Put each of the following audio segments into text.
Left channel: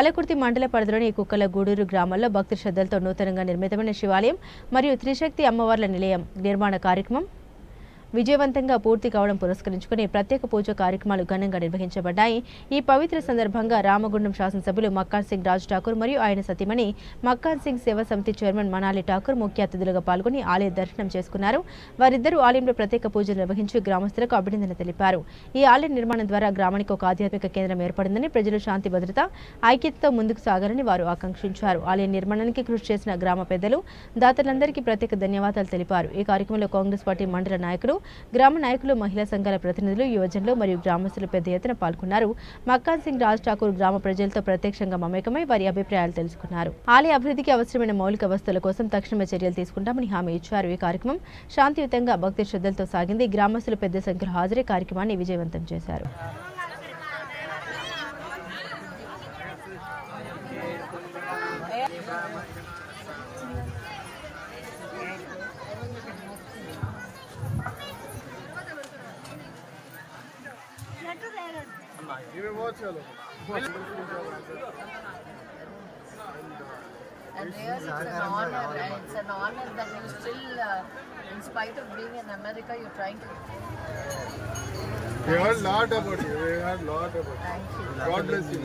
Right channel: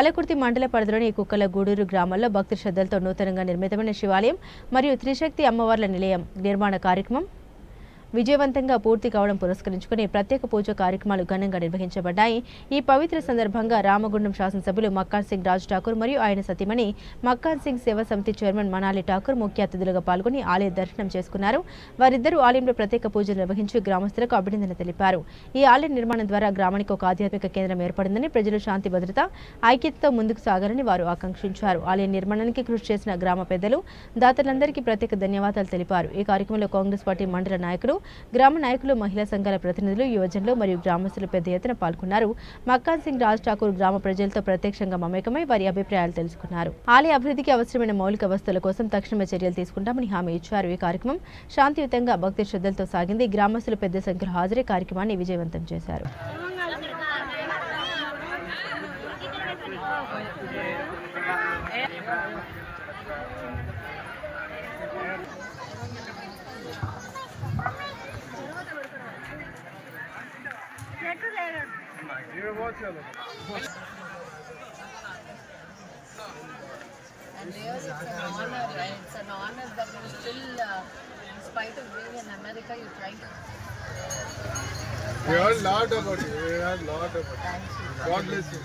పాలకుర్తి మండల పరిధిలోని కుక్కల గూడూరు గ్రామంలో భక్తి శ్రద్ధలతో నూతనంగా నిర్మితమైన శివాలయం మరియు త్రిశక్తి అమ్మవార్ల నిలయం నిర్మాణ కార్యక్రమం విజయవంతంగా పూర్తి కావడం పురస్కరించుకుని ప్రత్యేక పూజ కార్యక్రమాలు ఘనంగా నిర్వహించబడ్డాయి। ఈ పవిత్ర సందర్భంగా రామగుండం శాసనసభ్యులు మక్కాన్ సింగ్ రాజ్ ఠాకూర్ మరియు ఆయన సతీమణి మక్కాన్ సింగ్ సేవా సమితి చైర్మన్ మనాలి ఠాకూర్ ముఖ్య అతిథులుగా పాల్గొని ఆలయ దర్శనం చేసుకున్నారు। వారిద్దరూ ఆలయంలో ప్రత్యేక పూజలు నిర్వహించి గ్రామస్తులకు అభినందన తెలిపారు। ఈ ఆలయ నిర్మాణం ద్వారా గ్రామానికి ఒక ఆధ్యాత్మిక కేంద్రం ఏర్పడిందని, ప్రజలు శాంతి భద్రత ఐక్యతతో ముందుకు సాగాలని వారు ఆకాంక్షించారు। ఆలయ నిర్మాణానికి కృషి చేసిన గ్రామ పెద్దలు దాతలందరికీ ప్రత్యేక ధన్యవాదాలు తెలిపారు। ఈ కార్యక్రమంలో కాంగ్రెస్ పార్టీ మండల నాయకులు, గ్రామ నాయకులు, మహిళా సంఘాల ప్రతినిధులు, యువజనులు మరియు గ్రామస్తులు పెద్ద ఎత్తున పాల్గొన్నారు। మక్కాన్ సింగ్ రాజ్ ఠాకూర్ గ్రామ ప్రజలతో ప్రత్యక్షంగా మమేకమై వారి అభిప్రాయాలు తెలుసుకున్నారు। ఆలయ అభివృద్ధికి అవసరమైన మౌలిక వస్తువుల కోసం తక్షణమే చర్యలు తీసుకుంటామని హామీ ఇచ్చారు। ఈ కార్యక్రమం శాంతియుతంగా భక్తి శ్రద్ధలతో సాగింది। గ్రామస్తులు పెద్ద సంఖ్యలో హాజరై కార్యక్రమాన్ని విజయవంతం చేశారు। And really, it's an honor. It's an honor that you still, in spite of being in America, you're trying to. We heard a lot about you. We heard a lot about you. Thank you. God bless you.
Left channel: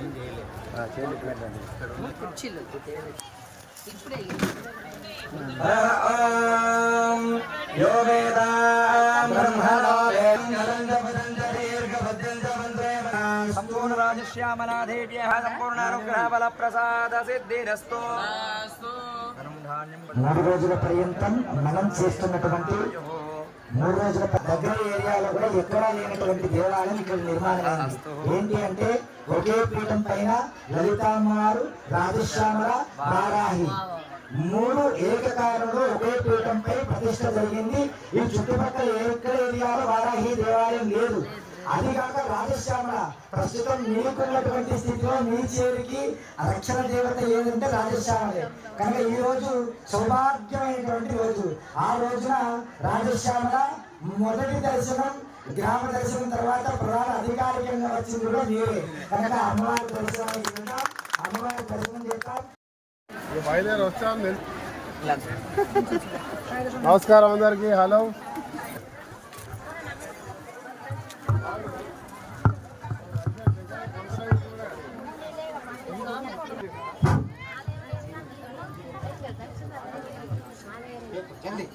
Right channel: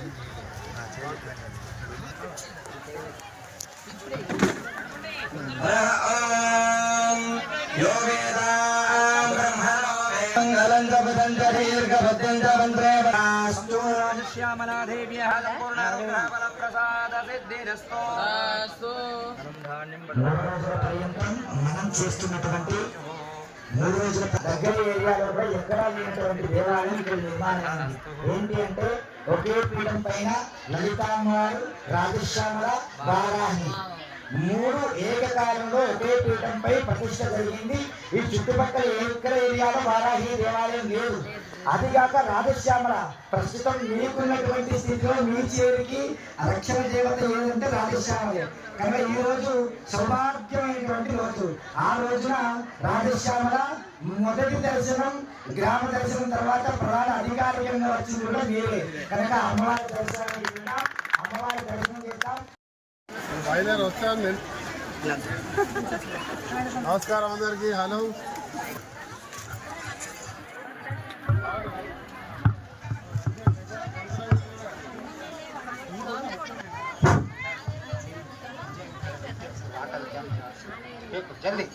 మూడు రోజుల పర్యంతం మనం చూస్తున్నటువంటి 3 రోజుల దగ్గర ఏరియాలో కూడా ఎక్కడా లేనటువంటి దేవాలయం ఇక్కడ నిర్మాణం అయింది। ఏంటి అంటే ఒకే పీఠం పైన లలితామ్మవారు, రాజశ్యామల, వారాహి 3 ఏకకాలంలో ఒకే పీఠంపై ప్రతిష్ట జరిగింది। ఈ చుట్టుపక్కల ఎక్కడ ఏరియాలో వారాహి దేవాలయం లేదు। అదిగాక రాజశ్యామల ప్రస్తుతం మీకున్నటువంటి స్థితిలో మీ చేరికి రక్షణ దేవత ఏదంటే రాజశ్యామలే కనుక ఈ రోజు సౌభాగ్యమైనటువంటి రోజు। ఆ రోజున రాజశ్యామల మొదటి దర్శనం, గ్రామ దర్శనం తర్వాత ప్రధాన అధికారికంగా వచ్చింది కూడా మీరే కనుక అమ్మవారి దర్శనానికి అమ్మవారి దర్శనం చేస్తాం। బయలుదేరి వస్తాం। నమస్కారం అందరికీ। హలో జల్దీ